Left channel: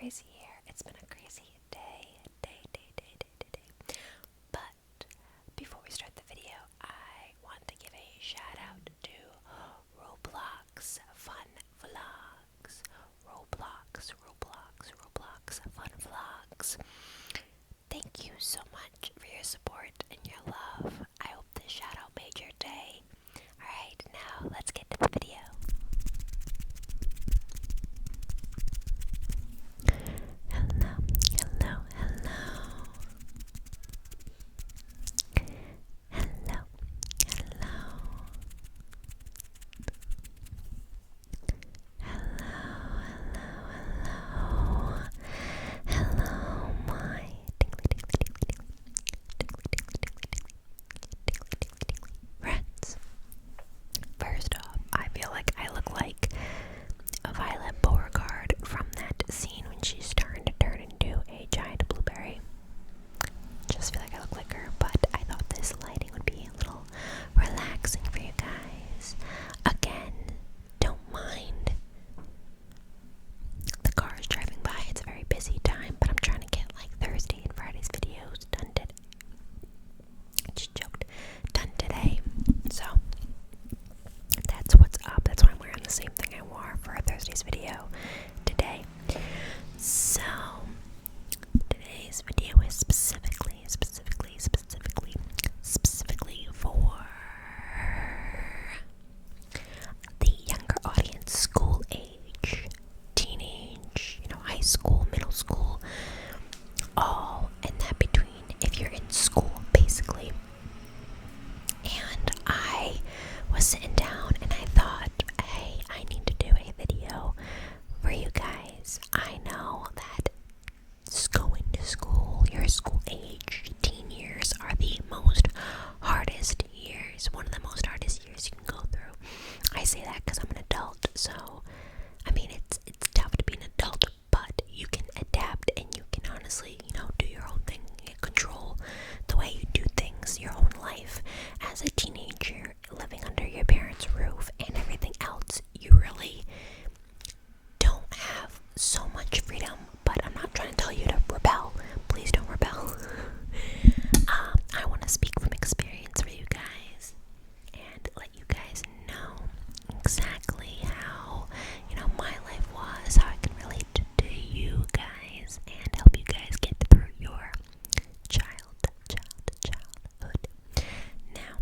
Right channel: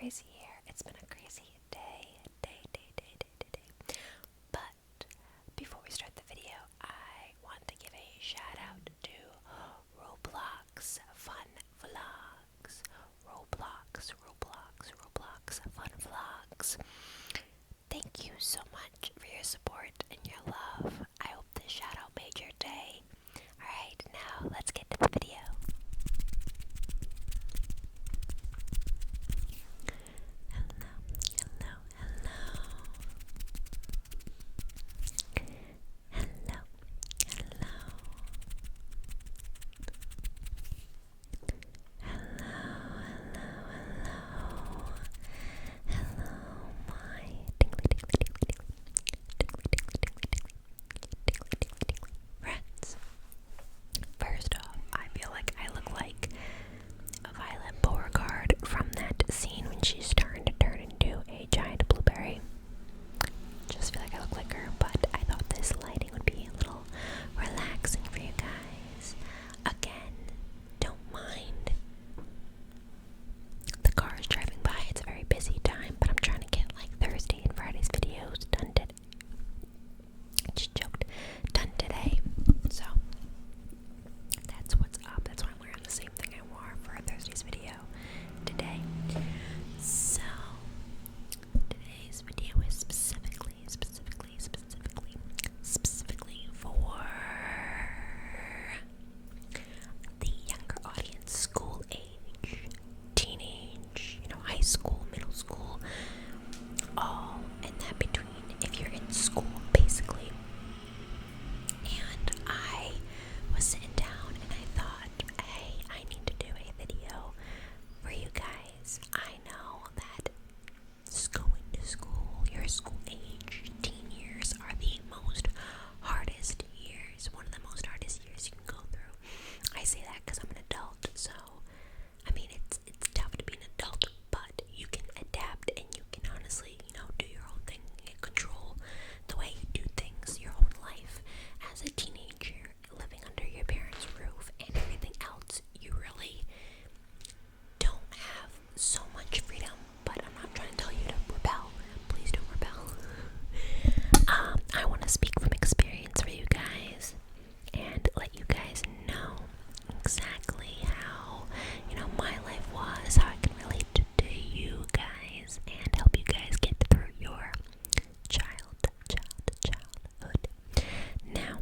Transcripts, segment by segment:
crazy here. It's been a crazy day. But before we start the video, I want to give a shout out to Roblox Fun Vlogs. Roblox Fun Vlogs. Thank you so much for your support and your love. I hope this shout out made your day. Alright, now let's get to the video. Friends. First off, I feel like I look like a Violet Beauregard from that scene when she's starting to turn into a giant blueberry. Just feel like I look like her, but I thought this lighting would be a little relaxing for you guys. Again, don't mind the cars driving by. It's a very busy time, but I'm trying to get like Thursday and Friday's videos done today. I just joked. Done today. So that's what's up. That's why I'm wearing the same thing I wore for Thursday's video today. So today's video is specifically for the younger audience, school age, teenage, high school, middle school, all in that between, if you're in school, basically. And I was sitting down and I thought, hey, I need to do a video for you guys. I know that going to school, your school age, teen years are the most hardest years, one of the most hardest years you can go through. I say that because I'm an adult, so I mean it's tough to be an adult, but you can adapt and you can honestly, do your own thing, control the way you do things, your own life. As a teenager, living under your parents' roof and everything else, you really don't have so much freedom. But I'm not trying to tell you to rebel. Please don't rebel. I want to speak from experience for you guys and let you guys know exactly how, my life was, how I can relate to you guys and help you guys get through your childhood. Now,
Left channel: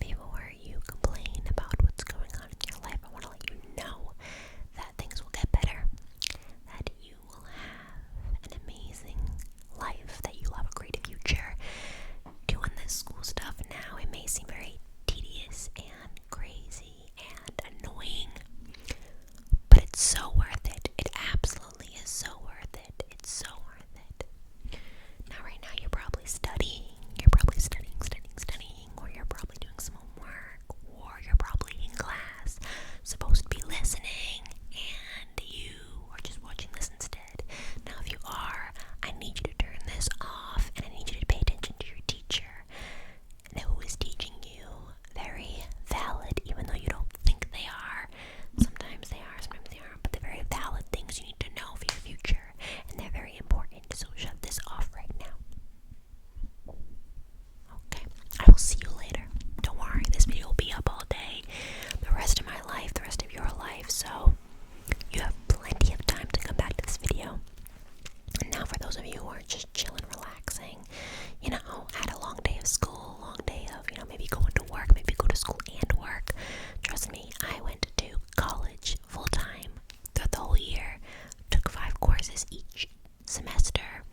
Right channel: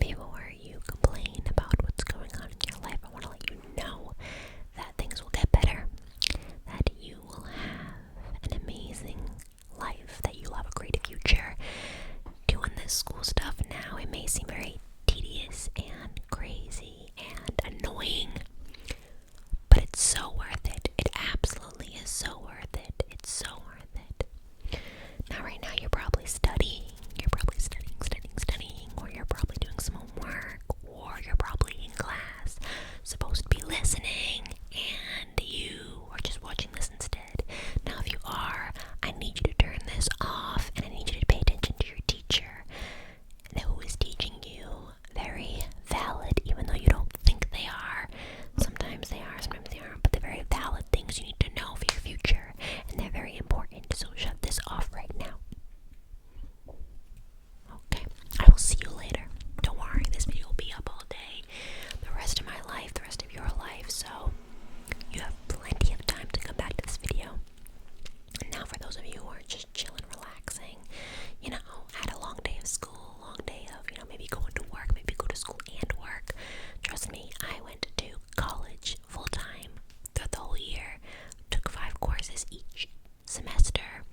before you complain about what's going on in your life, I want to let you know that things will get better, that you will have an amazing life, that you'll have a great future. Doing this school stuff now, it may seem very tedious and crazy and annoying, but it's so worth it. It absolutely is so worth it. It's so worth it. Now, right now, you're probably studying. You're probably studying, or you're probably doing some homework, or you're probably in class, supposed to be listening, and you are just watching this instead. Now, if you are, I need you to turn this off, and I need you to pay attention to your teacher who is teaching you. Very valid, even though you don't think they are. Sometimes they are, sometimes they aren't, but they're very valid things you need to know for your future, and they're very important, so shut this off right now. Okay, I will see you later. Don't worry, this video will be up all day, the rest of my life, the rest of your life, so you have plenty of time to come back to this video. And now for those of you who are just chilling, relaxing, had a long day of school, long day of, maybe going to work, maybe go to school and work. Trust me, I went to college full time throughout the whole year, took 5 courses each semester,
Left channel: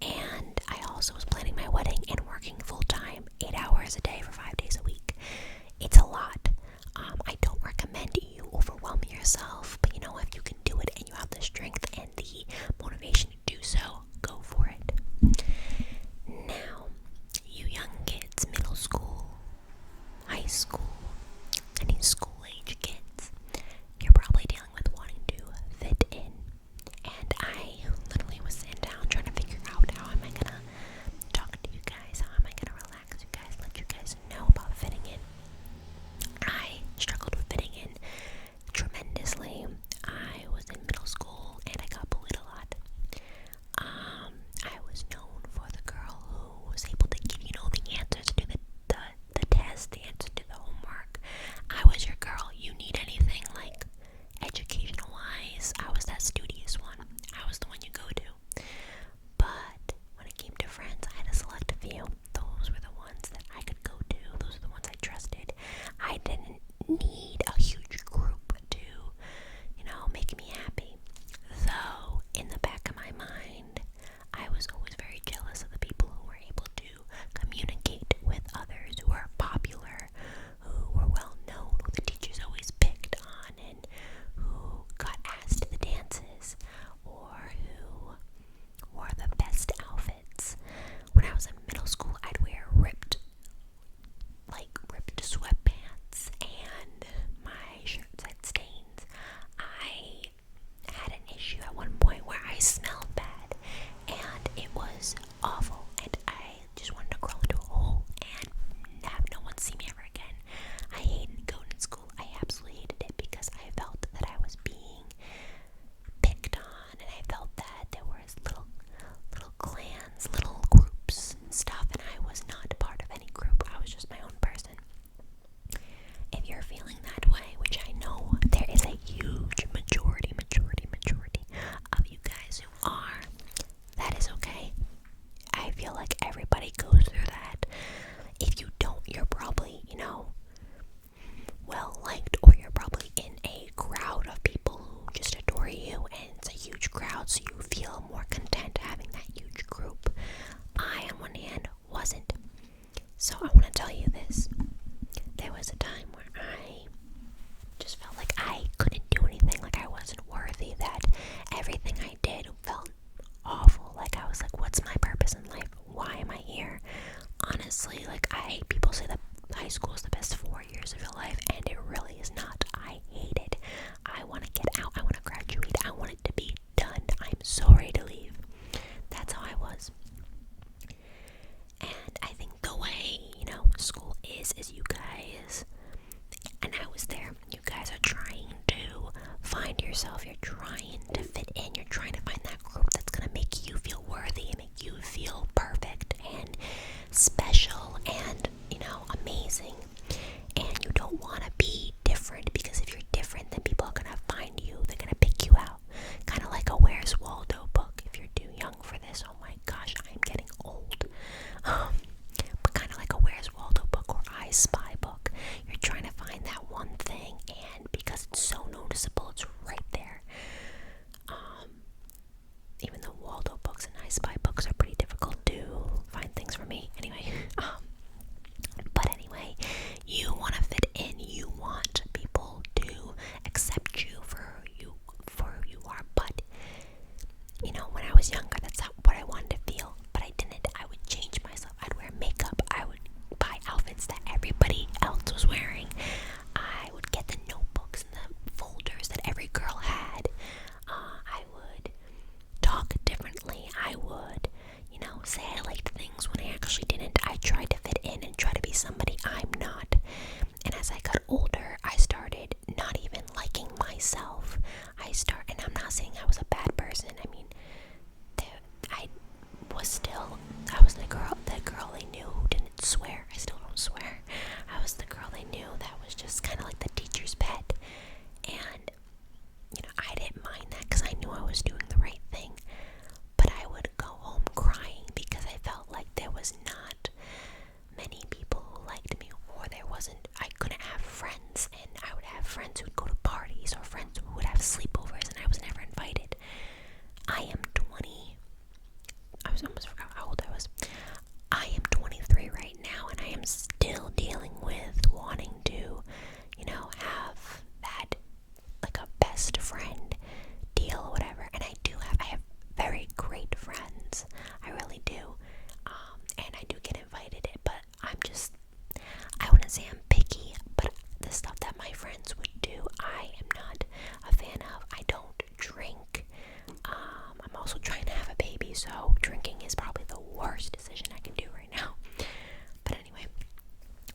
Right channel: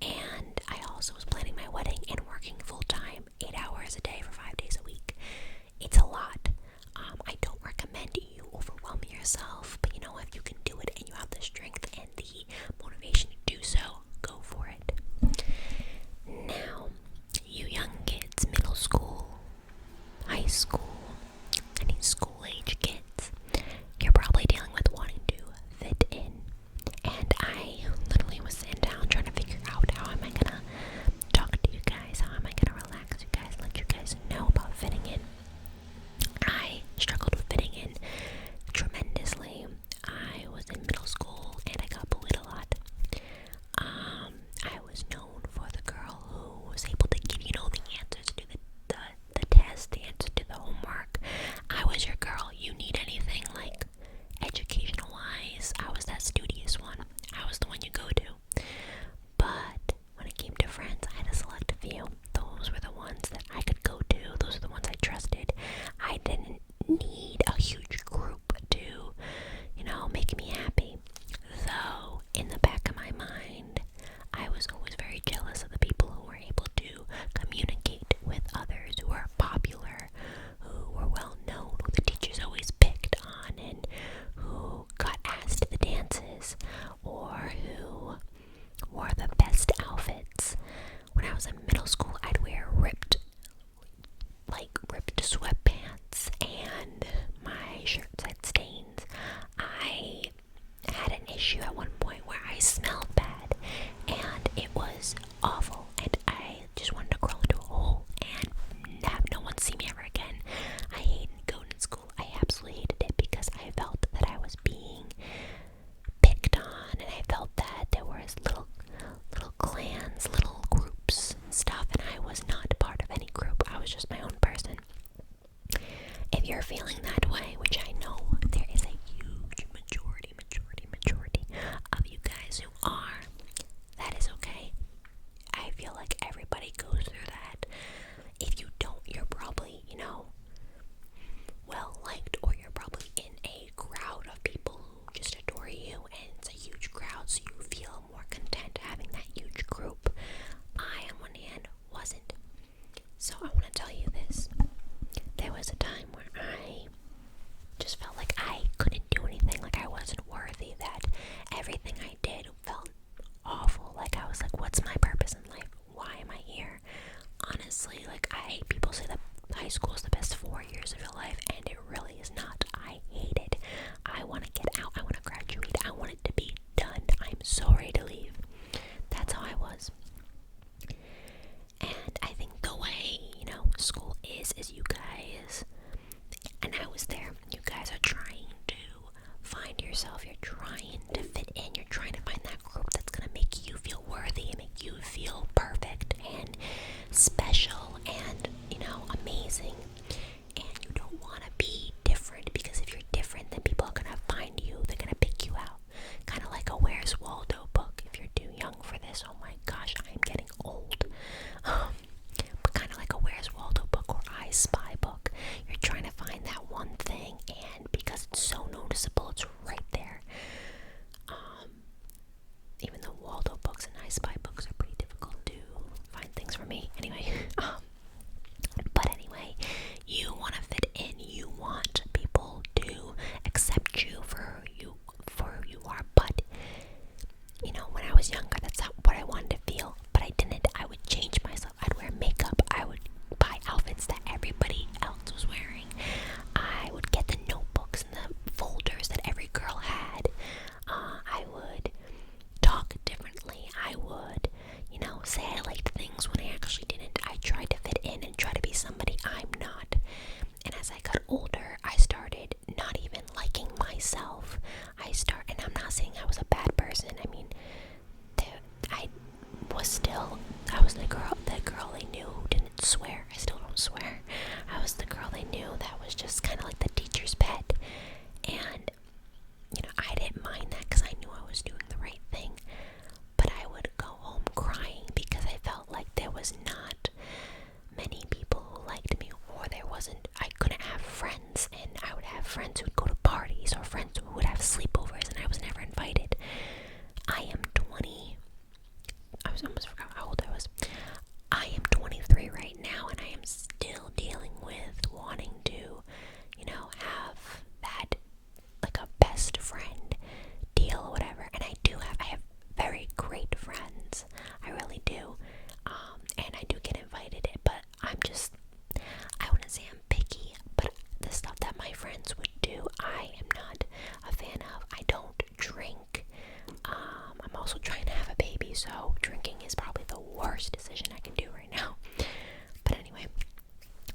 and I also was planning my wedding and working full time, 8 hours a day for 5 days a week. It's a lot. I don't recommend you overwhelming yourself, but if you can do it and you have the strength and the motivation to do so, go for it. Now, you young kids, middle school, high school, any school age kids, you're probably dealing with wanting to fit in. And I literally was sitting down trying to figure out how am I gonna talk to you guys, how am I gonna relax you guys, let you guys know friends who are, that is okay. I feel like everybody goes through that. If you don't, you're probably, well liked, or you're probably in a crowd of people who just adore you, and it's a huge crowd, so you feel more content having that huge group. I, on one hand, wasn't. So I want to tell you this. There was a time where I just felt like I couldn't do anything, like I wasn't worthy, that everything I did felt awful. Like I was like, what's my purpose in life? Why am I here? Honestly, like people say that high school is the best 4 years of your life, and it really is not. I hate it. I want to get out. I want to graduate. I want it to be done. I'm so ready to leave. That's how I was. And I think the way, school is you guys, and I was there, you guys are trying to find yourself, you're trying to fit in, you're trying to find that group that's going to make you feel worthy and make you feel perfect and special and, amazing. And you don't want to be different, because if you're different, then people are going to find you, they're going to pick you out. Kind of like a Where's Waldo book. If you're too young for this, oh my gosh, I'm getting old. But kind of like a Where's Waldo book or I Spy book. You're trying to find that one thing, and because it's so noticeable, it's right there. Even though Waldo books and I Spy books are pretty difficult to find things for me. Anyway, but anyway, you want to fit in. You want people to accept you for who you are. But when I was younger, that's not what I wanted to feel. But I didn't. I would change myself. I'd wear makeup. I would buy outfits that everybody else was wearing. I would get the notebooks and the folders that every girl had. I would talk differently. I would, say I liked things when I actually didn't. I tried to fit in and try to be somebody I'm not. And as I got older, I started not even liking myself. And I'm not saying I was a bad person. I mean, I was the girl they knew who didn't swear. I still don't swear. I was the girl they knew that was just kind of like the teacher's pet. And, I didn't mind that because I knew I was doing the right thing. But I would go home crying because I felt like there was not many people who liked me, or I couldn't have friends, and I would have friends who would go to parties, or friends who would have sleepovers, and I was never invited. I am 20. I almost forgot how old I was. I am 23 right now, and I am still dealing with wanting to, have that, like a best friend deal or whatever. And I have very great friends. I really do. And I do get invited, but I wouldn't say I'm picky, but the stuff that my friends would do, I am not a fan of. I don't drink. I'm also trying to have a baby, so drinking is probably the worst decision I can do right now. But anyway,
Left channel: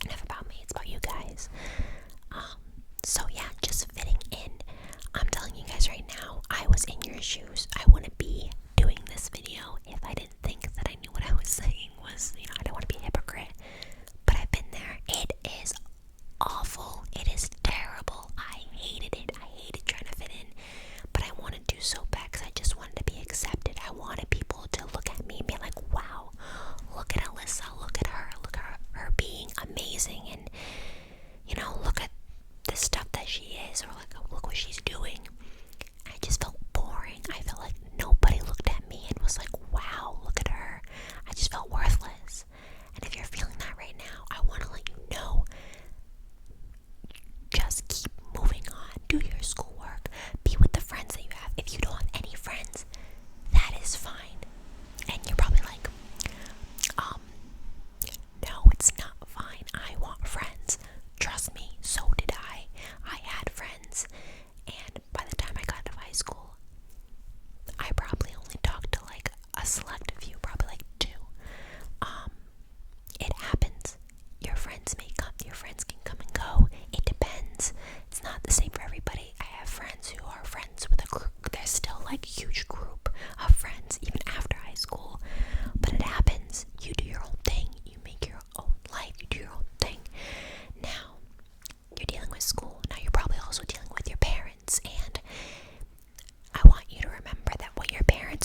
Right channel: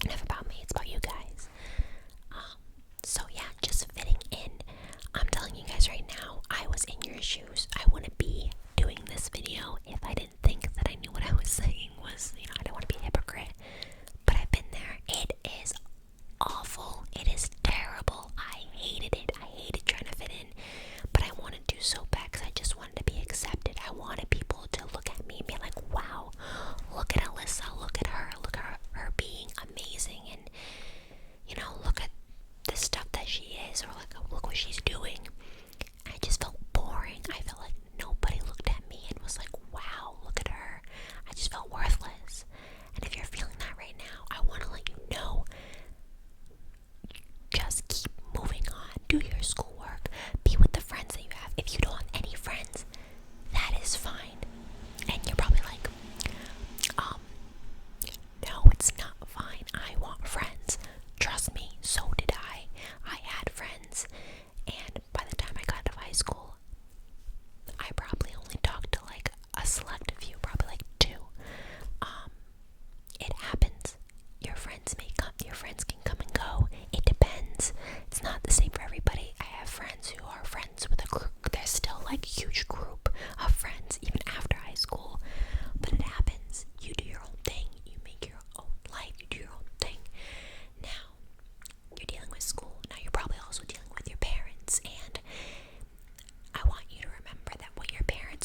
enough about me, it's about you guys. So yeah, just fitting in. I'm telling you guys right now, I was in your shoes. I wouldn't be doing this video if I didn't think that I knew what I was saying was, I don't want to be a hypocrite. But I've been there. It is awful. It is terrible. I hated it. I hated trying to fit in. But I wanted to so bad because I just wanted to be accepted. I wanted people to look at me and be like, wow, look at Alyssa. Look at her. Look at her being amazing. And, look at the stuff that she is, or like, look what she's doing. I just felt boring. I felt like nobody looked at me and was like, wow, look at her. I just felt worthless. And if you're feeling that right now, I want to let you know, just keep moving on. Do your schoolwork. Be with the friends that you have. If you don't have any friends, that is fine. And you're probably like, no, it's not fine. I want friends. Trust me, so did I. I had friends. And by the time I got to high school, I probably only talked to like a select few, probably like 2. It happens. Your friends can come and go. It depends. It's not the same for everybody. I have friends who are friends with a group. There's still like a huge group of friends even after high school. But it happens. You do your own thing. You make your own life. You do your own thing. Now, you're dealing with school. Now you're probably also dealing with your parents. And I want you to remember that what your parents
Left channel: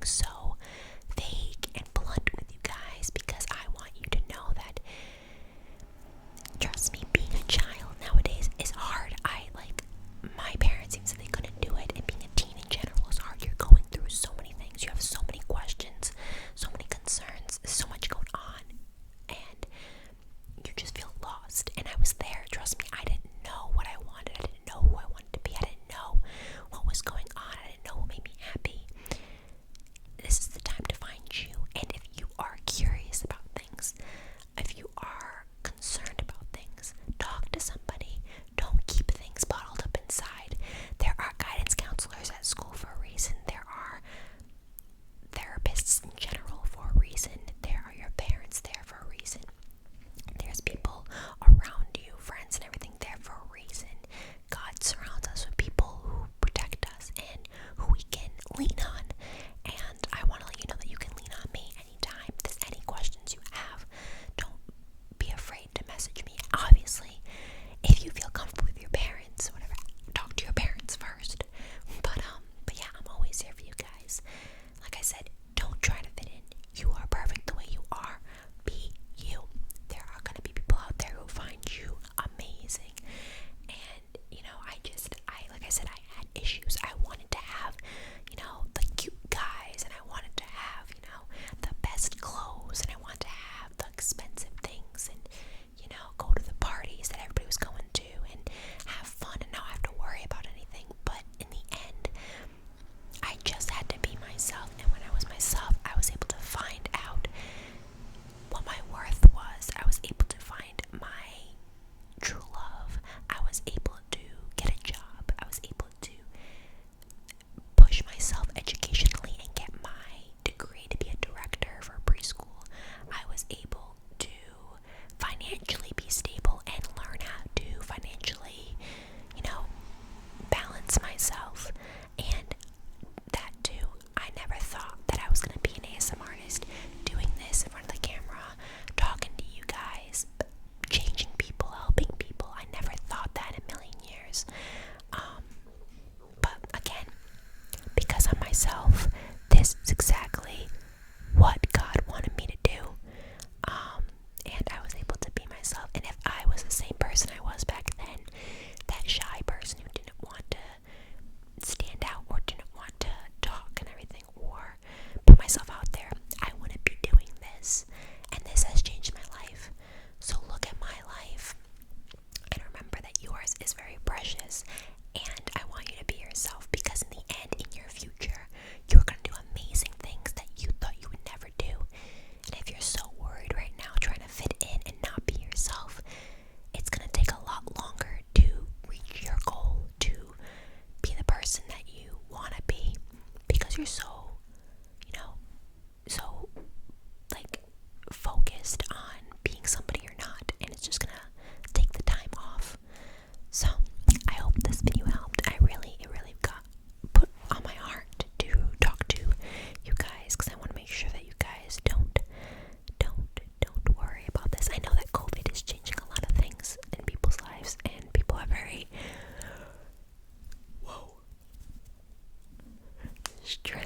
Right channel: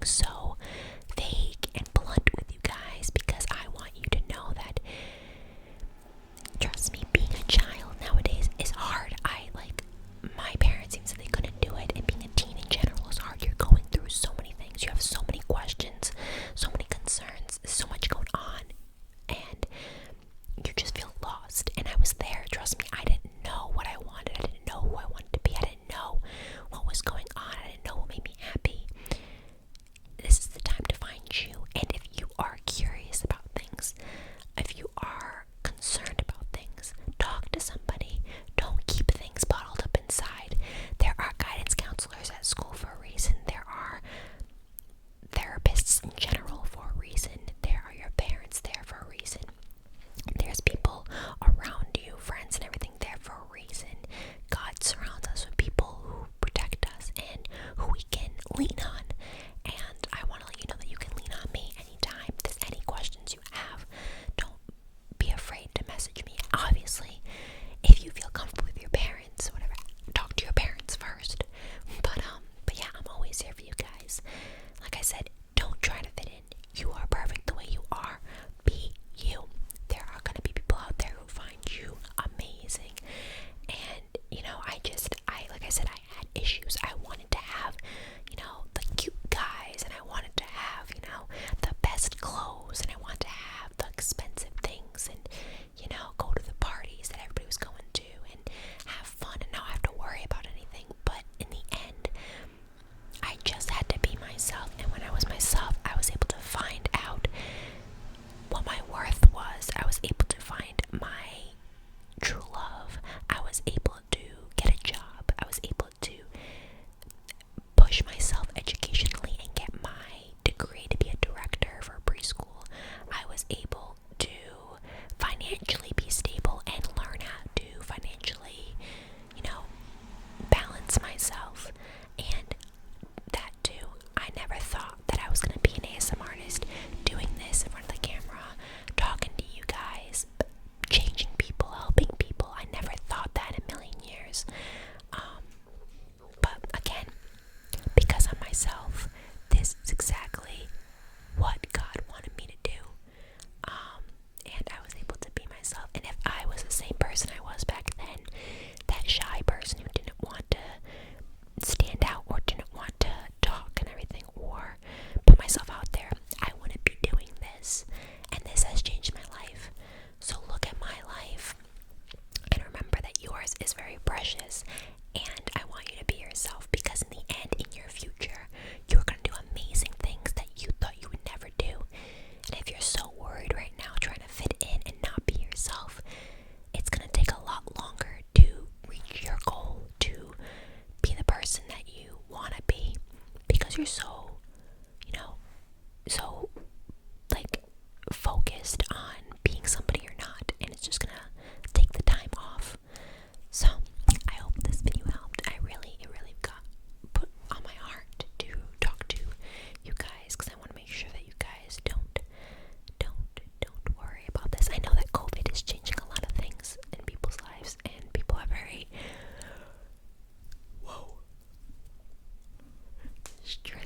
being so vague and blunt with you guys because I want you to know that, trust me, being a child nowadays is hard. My parents even said they couldn't do it, and being a teen in general is hard. You're going through so many things. You have so many questions, so many concerns, so much going on, and you just feel lost. And I was there, trust me. I didn't know what I wanted. I didn't know who I wanted to be. I didn't know what was going on. I didn't know what made me happy. This is the time to find you. And if you are curious about things, if you are concerned about things, talk to somebody. Don't keep things bottled up inside. There are guidance counselors at school for a reason. There are therapists in general for a reason. There are your parents there for a reason. There's people around you, friends and everything, there for a reason. God surrounds us with people who protect us and who we can lean on. And I want to let you know that you can lean on me anytime. If there's any questions you have, don't be afraid to message me. Obviously, if you feel comfortable with your parents, whatever, talk to your parents first. But yeah, I'm always here for you guys. Like I said, don't try to fit in. You are perfect the way you are. Be you. There are gonna be people out there who find you amazing. And like I said, I had issues. I wanted to have, the cute guys, and I wanted to have, the best clothes, and I wanted to have the expensive things, and go to the parties that everybody was going to and have fun and not have to worry about anything. But in the end, I just had to be myself, and when I was myself, I was able to find out what my worth was. I was able to find my true love. I was able to get a job. I was able to push myself educationally and get my degree to be a director for preschool. I was able to financially be stable and learn how to financially, balance myself. And that too, I never thought that I was going to be an ASMR artist, doing this in front of the camera, talking to you guys, changing people, helping people. I never thought that in a million years. But again, because I'm myself, this is exactly what God wanted me to do. And I was able to be myself. And if I was the same person I was back then, that shy person who didn't want to stand out or didn't want to talk and everything or put myself out there, I wouldn't be doing this. And this has changed my life. So look at my life and remember that yours is very precious. And I want you to be yourself, because in the end, in your future, you're going to do amazing things that you thought you would never do. And if you're so worried right now trying to fit in and not be yourself, it's going to take a lot longer to reach your goal, to be the person that you want to be, because you're so, focused on being somebody you're not, and it's just going to take the time off. So I hope this video helped. It really got put on my heart to talk to you guys, because I want to make sure that you guys don't worry about this. I know that COVID is changing a lot of things in people's lives, and people are very stressed